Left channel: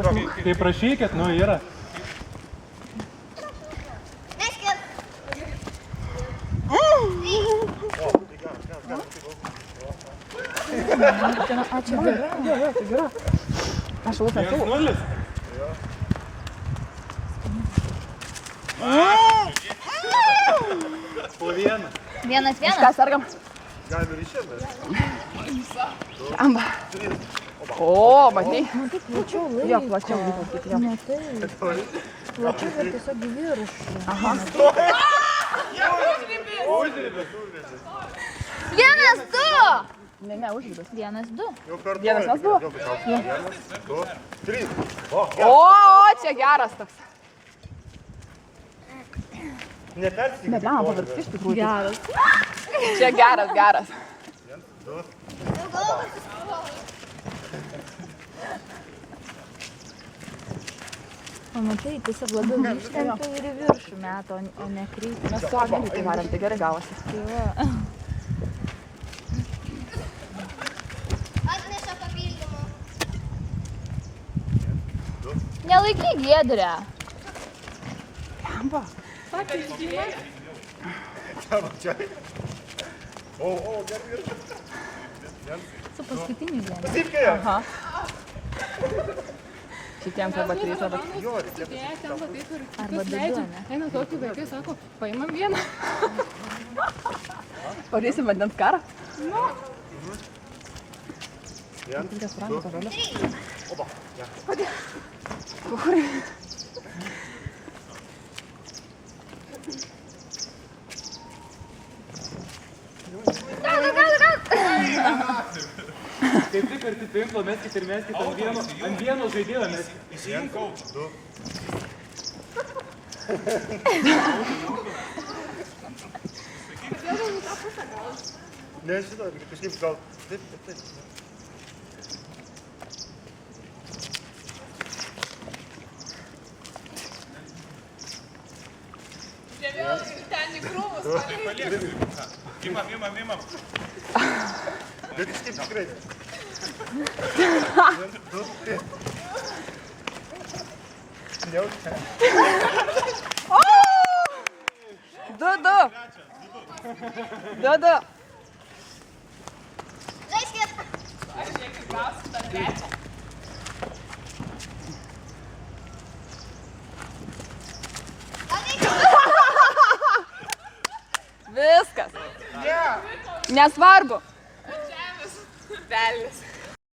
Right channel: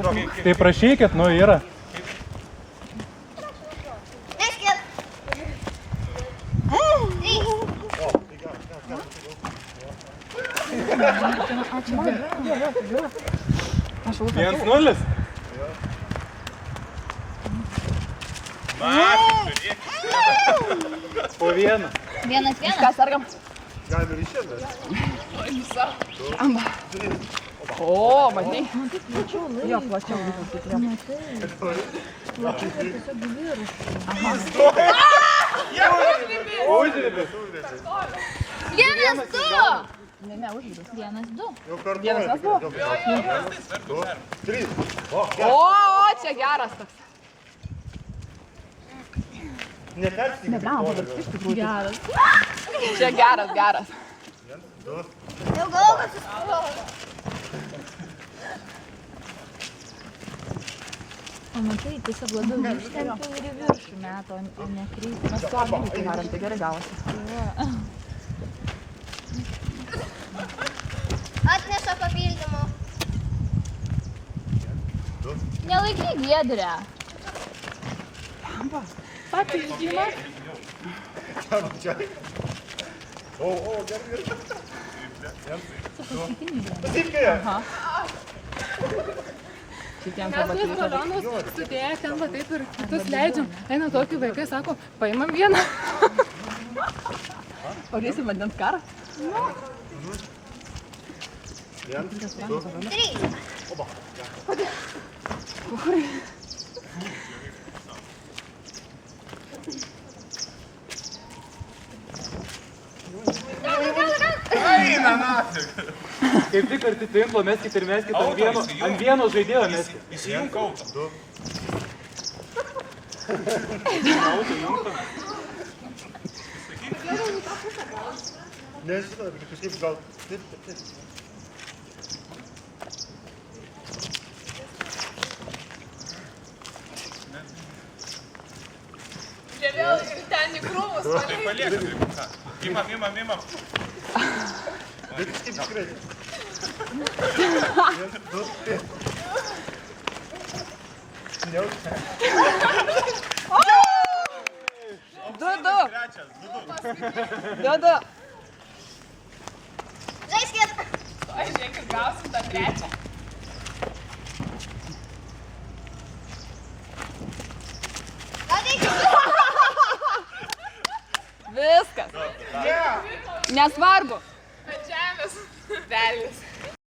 Tai prašykit, nu yra. Neskit. Aš laikau. 1-0. Po vieną. 1-1. Ką sergam? Galime ir išėmės. Amba. O, matai. Jo, plačiau vyko kaip jo. Plačiau ir tiesiog vyriškai. Aha. Užribis. 1-2. Ne, užribis. 1-2. Jau per Vienas daug. buvo? 1, 2, 3. O, čia geras toks. Nepersikite. Negalima pavirti iš tikrųjų. Geras. Čia geras, geras. 1, 2. Jau galvoju. Pamatai, tiesiog labiau ištempia ir į viršų meto, o ne krypti. Mes su Agniu tai darėm, tai gerai gavosi. Atneša papildymų. 2. Nelaikyk Giedrę. Papildymas. Čia. O, gerai. Su paskutiniu Giedrę. Patikėje. Aha. Šitiems arba keliais arba Sudėję ten va taip ir kitus leidžiam. Eina tokių vaikai, sako, paimam vieną. Padėsim vandens karą. 1, 2. 3. Oba. Kaip tik arti tinklo meskit ir meskit ant vieno žaidėjo meskit. Įsijunk autą. 2. Nežinau, kažkaip gal... Taip. Čia vėl ten į krūmus. Tai paliekam. Imam. Bet kaip skraidė. 1, 2, 3. Neužte. 2-2. Žaiskit. Žiūrėkit, gausim tą trečią. Viskas. Nesvarbu. Žemės. Velnis.